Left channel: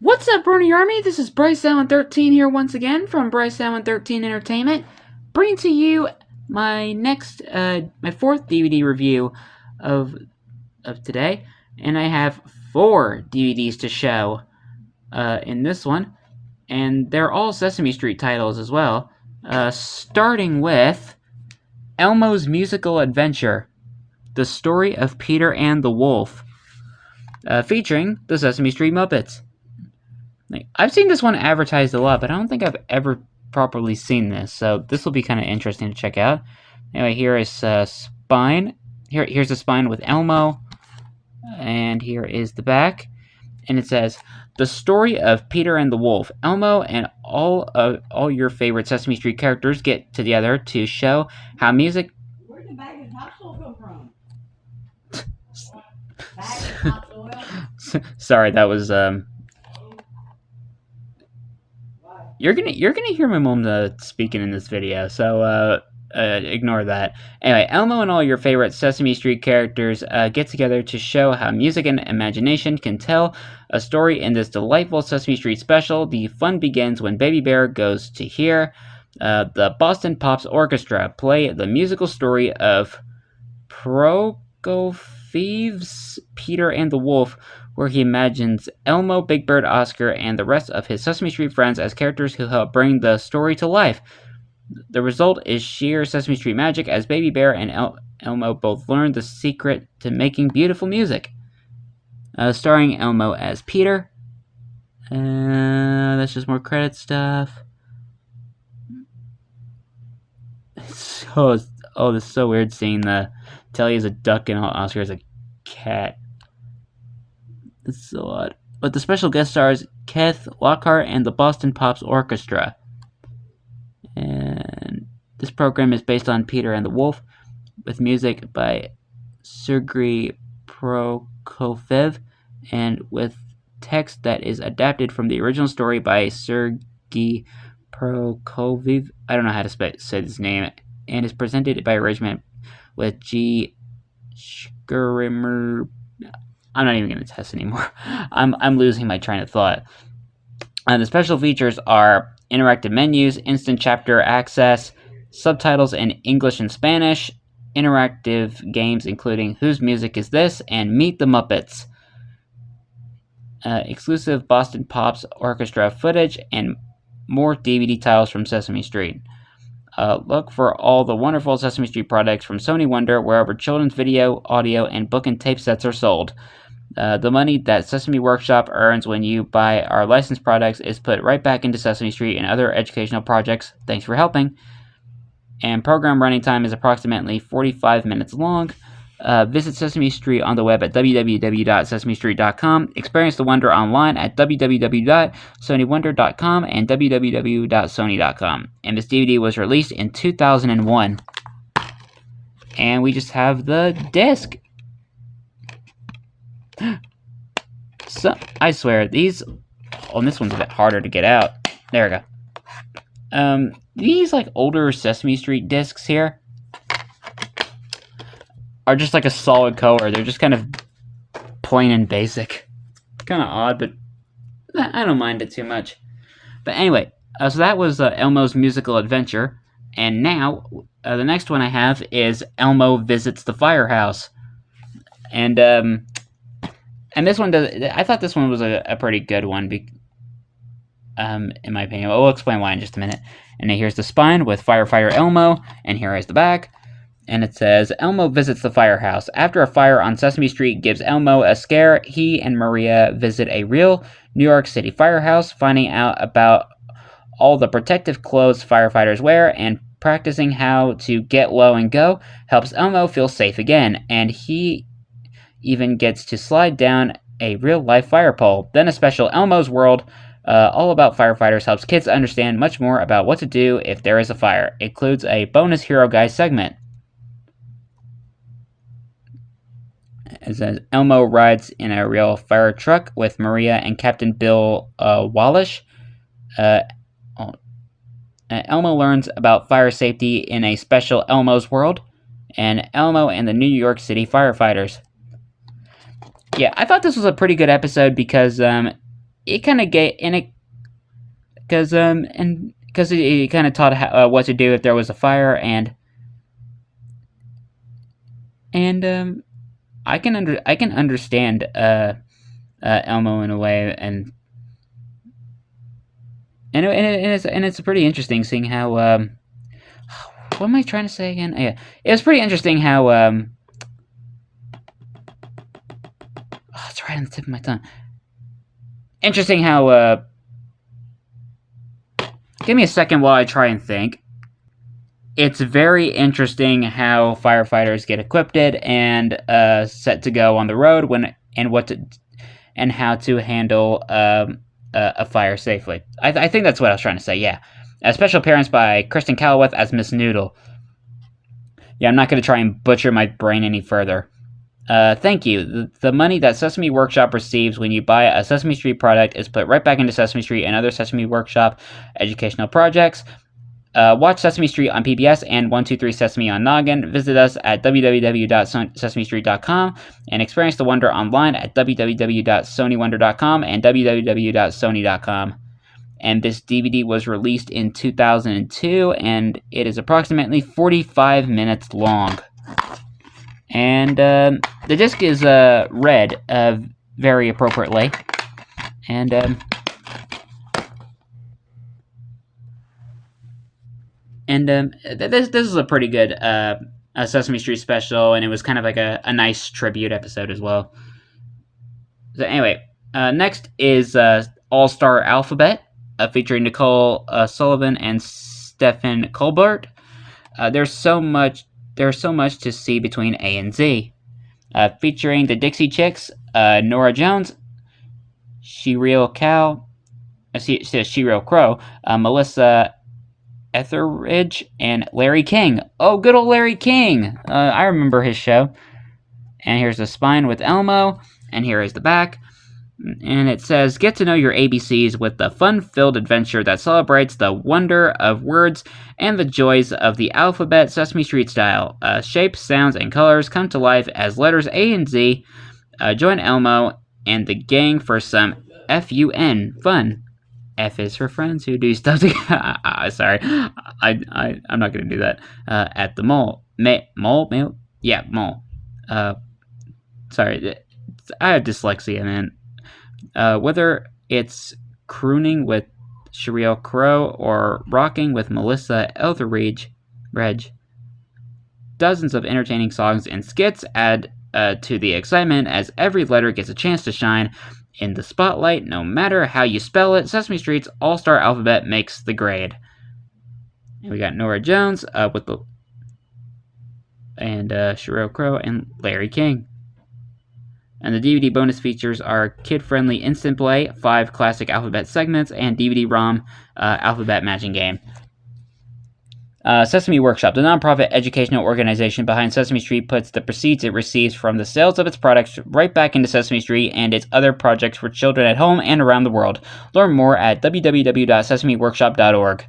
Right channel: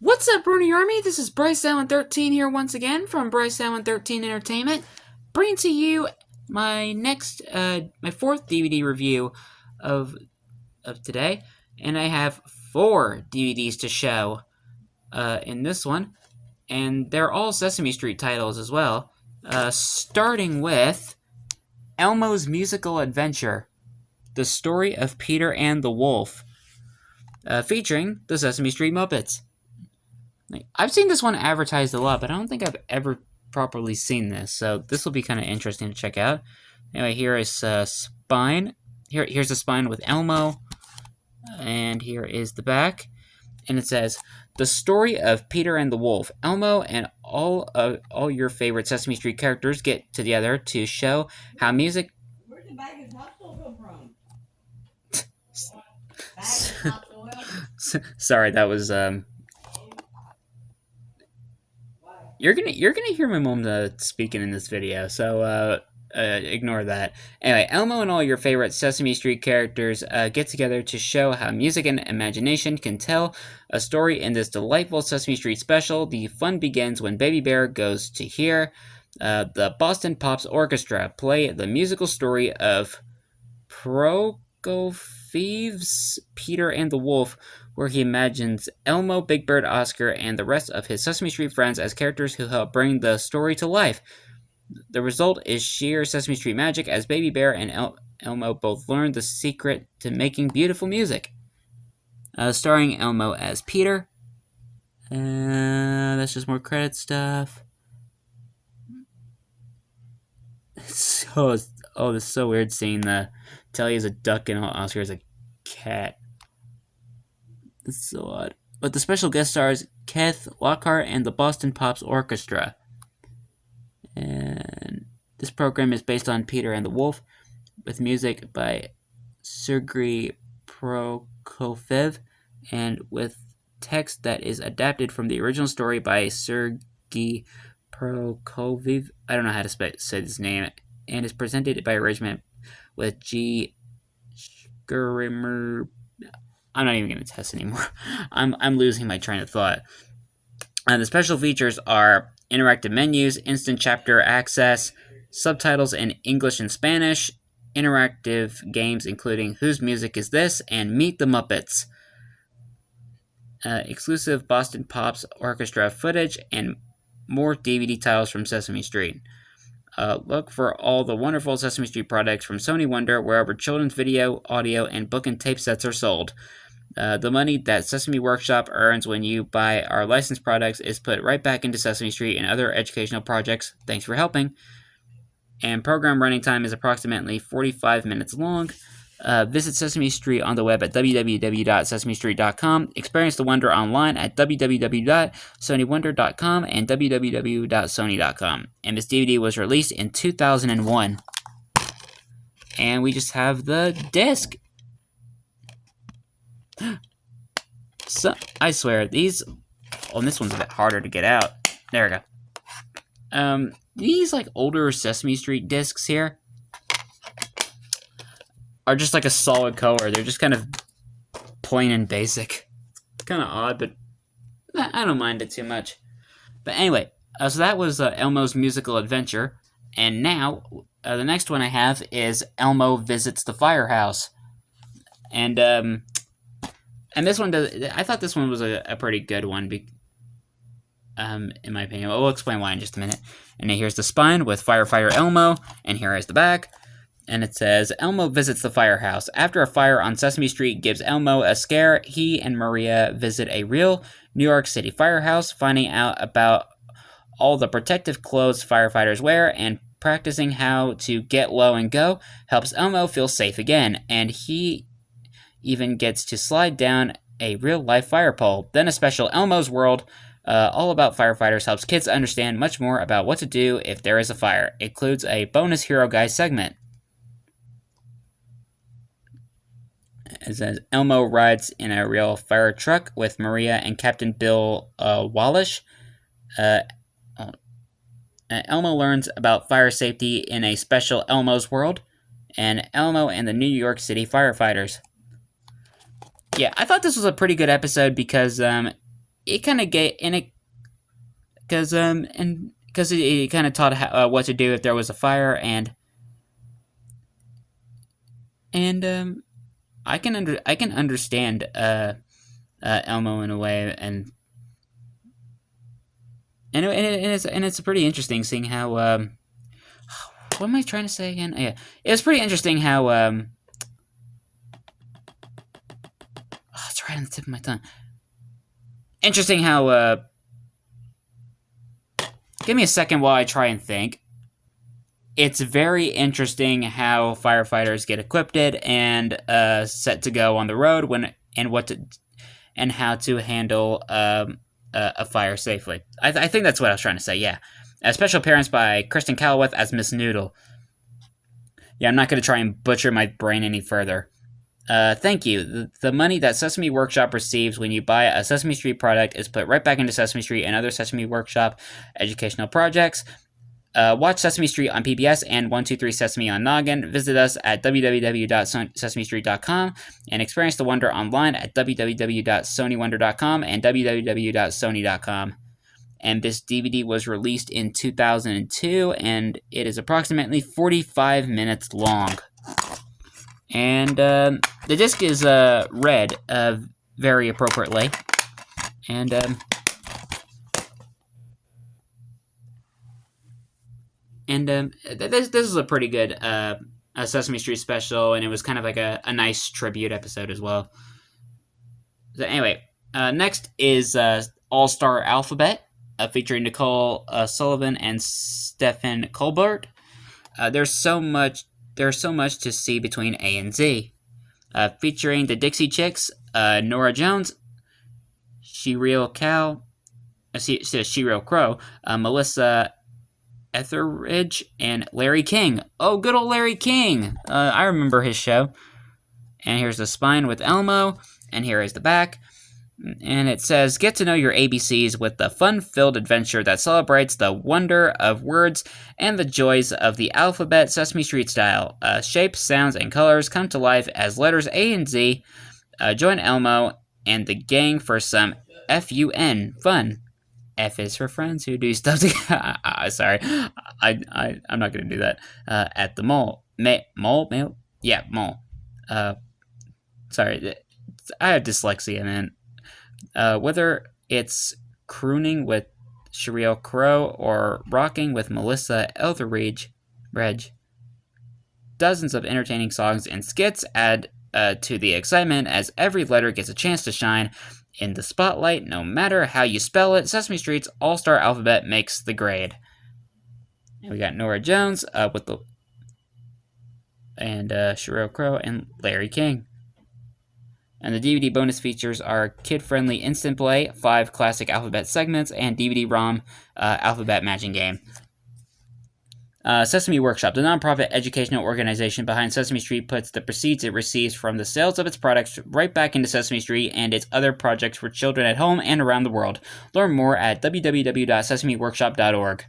What's up, Brony Army? This is Bryce Allen 13 here once again from Bryce Allen 13 Entertainment, bringing to you my my fourth DVD review of today, and I have 4 DVDs to show in this one, and they're all Sesame Street titles as well. Starting with Elmo's Musical Adventure: The Story of Peter and the Wolf, featuring the Sesame Street Muppets. I've seen this one advertised a lot, but I don't think I've ever properly seen this, so this will be kind of interesting to check out. Anyway, here is spine. Here's the spine with Elmo, and here is the back, and it says, "The story of Peter and the Wolf. Elmo and all your favorite Sesame Street characters get together to show how music." Where did the bag of topsoil come from? Bag of topsoil? Sorry, that was You're gonna hear my mom speaking in this video, so ignore that. Anyway, Elmo and all your favorite Sesame Street characters get together to show how music and imagination can tell a story in this delightful Sesame Street special. The fun begins when Baby Bear goes to hear the Boston Pops Orchestra play the musical story of Prokofie's Peter and the Wolf, where he imagines Elmo, Big Bird, Oscar, and the rest of his Sesame Street friends as characters who help bring the story to life. The result is sheer Sesame Street magic, as Baby Bear and Elmo both learn the secret to making beautiful music. Starring Elmo as Peter. That's just more credit stuff. This is so weird seeing the Telly as a duck and Oscar as a cat. It's so odd. But the special guest stars Keith Lockhart and the Boston Pops Orchestra. And this program is based on Peter and the Wolf, with music by Sergei Prokofiev, and with text that is adapted from the original story by Sergei Prokofiev. I don't know how to say his name. And is presented by arrangement with G. Schrimmer. I'm not even going to test anymore. I'm losing my train of thought. The special features are interactive menus, instant chapter access, subtitles in English and Spanish, interactive games including Whose Music Is This? And Meet the Muppets, exclusive Boston Pops Orchestra footage, and more DVD titles from Sesame Street. Look for all the wonderful Sesame Street products from Sony Wonder wherever children's video, audio, and book and tape sets are sold. The money that Sesame Workshop earns when you buy our licensed products is put right back into Sesame Street and other educational projects. Thanks for helping. And program running time is approximately 45 minutes long. Visit Sesame Street on the web at www.sesamestreet.com. Experience the wonder online at www.sonywonder.com and www.sony.com. And this DVD was released in 2001. And we just have the disc. So, I swear, these... Oh, and this one's a bit harder to get out. There we go. These, older Sesame Street discs here are just a solid color. They're just kind of plain and basic. Kind of odd, but I don't mind it too much. But anyway, so that was Elmo's Musical Adventure. And now, the next one I have is Elmo Visits the Firehouse. And this one I thought this one was a pretty good one, in my opinion. We'll explain why in just a minute. And then here's the spine with Firefighter Elmo, and here is the back. And it says, Elmo visits the firehouse. After a fire on Sesame Street gives Elmo a scare, he and Maria visit a real New York City firehouse, finding out about all the protective clothes firefighters wear, and practicing how to get low and go helps Elmo feel safe again, and he even gets to slide down a real-life fire pole. Then a special Elmo's World, all about firefighters, helps kids understand much more about what to do if there is a fire. It includes a bonus Hero Guy segment. It says, Elmo rides in a real fire truck with Maria and Captain Bill Wallace. Elmo learns about fire safety in a special Elmo's World, and Elmo and the New York City firefighters. Yeah, I thought this was a pretty good episode because it kind of gave and it because it kind of taught what to do if there was a fire and I can understand Elmo in a way and it's pretty interesting seeing how what am I trying to say again? Yeah, it's pretty interesting how it's right on the tip of my tongue. Interesting how give me a second while I try and think. It's very interesting how firefighters get equipped and set to go on the road and how to handle a fire safely. I think that's what I was trying to say. Yeah, a special appearance by Kristen Callowith as Miss Noodle. Yeah, I'm not going to try and butcher my brain any further. Thank you. The money that Sesame Workshop receives when you buy a Sesame Street product is put right back into Sesame Street and other Sesame Workshop educational projects. Watch Sesame Street on PBS and 123 Sesame on Noggin. Visit us at www.sesamestreet.com and experience the wonder online at www.sonywonder.com and www.sony.com. And this DVD was released in 2002, and it is approximately 45 minutes long. And the disc is red very appropriately. And this is a pretty good a Sesame Street special, and it was kind of like a nice tribute episode as well. So anyway, next is All-Star Alphabet, featuring Nicole Sullivan and Stephen Colbert. There's so much to see between A and Z. Featuring the Dixie Chicks, Nora Jones, Sheryl Crow, Melissa Etheridge, and Larry King. Oh, good old Larry King! I remember his show. And here's the spine with Elmo, and here is the back. And it says, get to know your ABCs with the fun-filled adventure that celebrates the wonder of words and the joys of the alphabet Sesame Street style. Shapes, sounds, and colors come to life as letters A and Z. Join Elmo and the gang for some FUN fun. F is for friends who do stuff together. Sorry, I'm not going to do that. At the mall. Mall? Yeah, mall. Sorry, I have dyslexia, man. Whether it's crooning with Sheryl Crow or rocking with Melissa Etheridge, dozens of entertaining songs and skits add to the excitement as every letter gets a chance to shine in the spotlight. No matter how you spell it, Sesame Street's All-Star Alphabet makes the grade. And we got Nora Jones Sheryl Crow and Larry King. And the DVD bonus features are kid-friendly instant play, 5 classic alphabet segments, and DVD-ROM alphabet matching game. Sesame Workshop, the nonprofit educational organization behind Sesame Street, puts the proceeds it receives from the sales of its products right back into Sesame Street and its other projects for children at home and around the world. Learn more at www.sesameworkshop.org.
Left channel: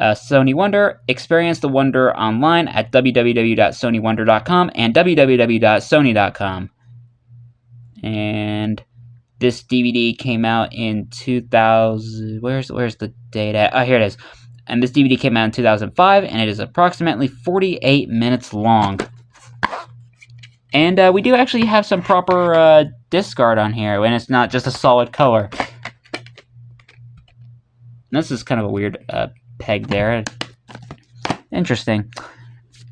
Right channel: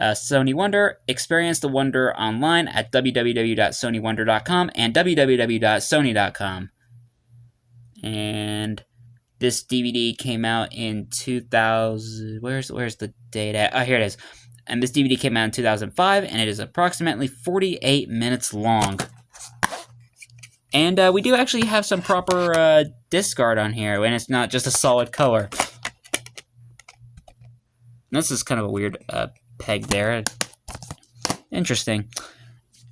Sony Wonder, experience the wonder online at www.sonywonder.com and www.sony.com. And this DVD came out in 2000. Where's the date at? Oh, here it is. And this DVD came out in 2005, and it is approximately 48 minutes long. And we do actually have some proper disc art on here, and it's not just a solid color. This is kind of a weird peg there. Interesting.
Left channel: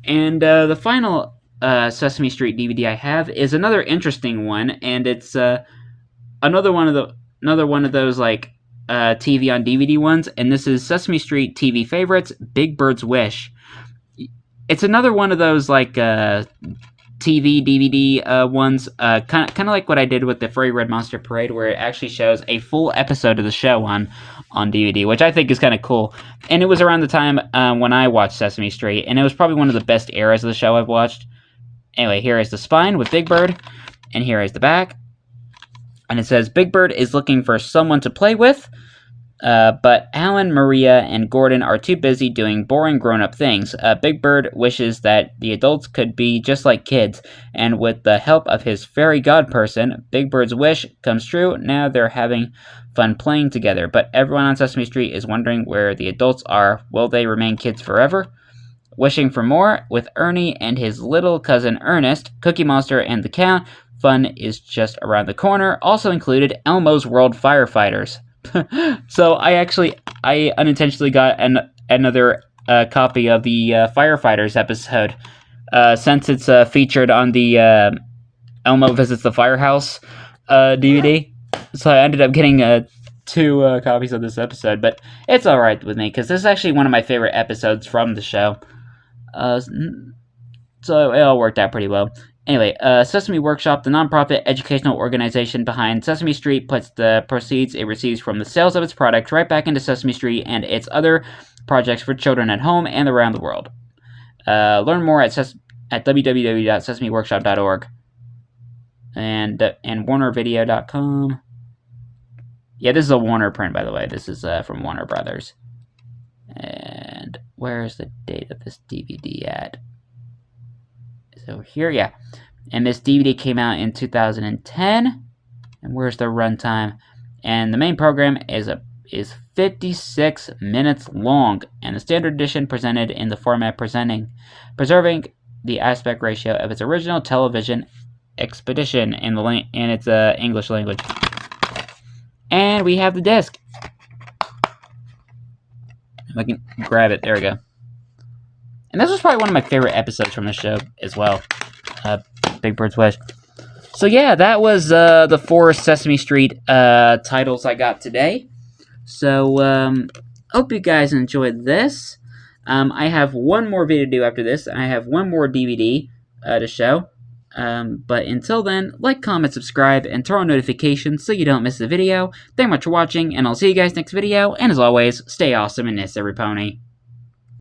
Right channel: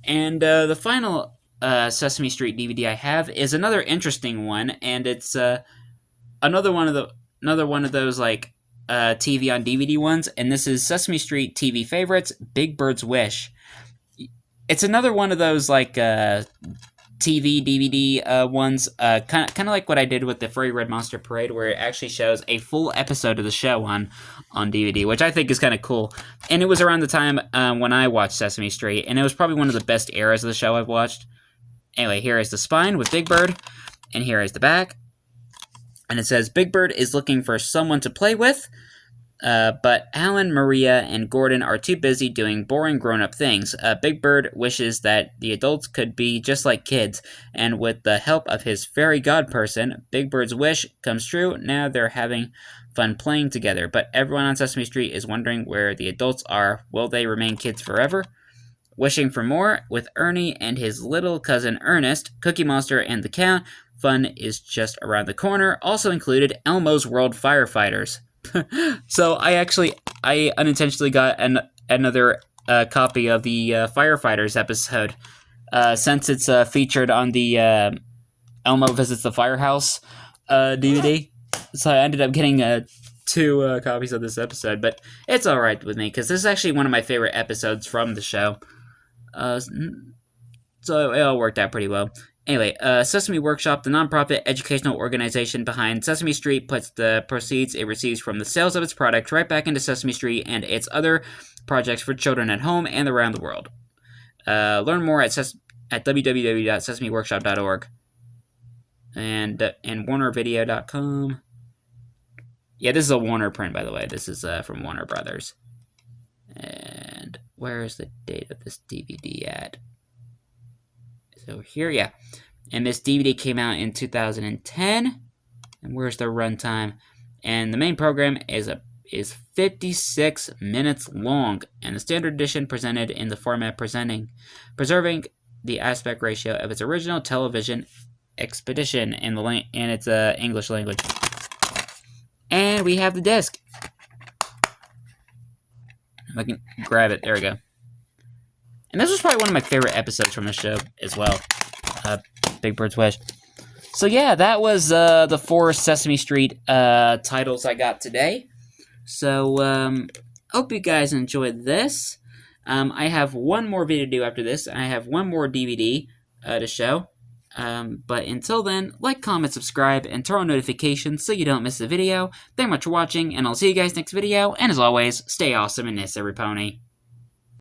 And the final Sesame Street DVD I have is another interesting one, and it's another one of those like TV on DVD ones, and this is Sesame Street TV Favorites, Big Bird's Wish. It's another one of those like TV DVD ones, kind of like what I did with the Furry Red Monster Parade, where it actually shows a full episode of the show on DVD, which I think is kind of cool. And it was around the time when I watched Sesame Street, and it was probably one of the best eras of the show I've watched. Anyway, here is the spine with Big Bird, and here is the back. And it says, Big Bird is looking for someone to play with. But Alan, Maria, and Gordon are too busy doing boring grown-up things. Big Bird wishes that the adults could be just like kids, and with the help of his fairy god person, Big Bird's wish comes true. Now they're having fun playing together, but everyone on Sesame Street is wondering where the adults are. Will they remain kids forever? Wishing for more with Ernie and his little cousin Ernest, Cookie Monster, and the Count. Fun is just around the corner. Also included Elmo's World Firefighters. So I unintentionally got another copy of the Firefighters episode, since it's featured on the Elmo Visits the Firehouse DVD. So I ended up getting 2 copies of this episode, but it's alright with me, because this is actually one of my favorite episodes from the show. So it all worked out pretty well. Anyway, Sesame Workshop, the nonprofit educational organization behind Sesame Street, puts the proceeds it receives from the sales of its product right back into Sesame Street and its other projects for children at home and around the world. Learn more at www.sesameworkshop.org and warnervideo.com. Yeah, this is a Warner print, by the way. This is from Warner Brothers. And where's the date of this DVD at? So here, yeah. And this DVD came out in 2010. And where's the runtime? And the main program is 56 minutes long, and the standard edition presented in the format preserving the aspect ratio of its original television expedition in its English language. And we have the disc. If I can grab it, there we go. And this was probably one of my favorite episodes from the show as well. Big Bird's Wish. So yeah, that was the 4 Sesame Street titles I got today. So hope you guys enjoyed this. I have one more video to do after this. I have one more DVD to show. But until then, like, comment, subscribe, and turn on notifications so you don't miss a video. Thank you much for watching, and I'll see you guys next video. And as always, stay awesome and miss every pony.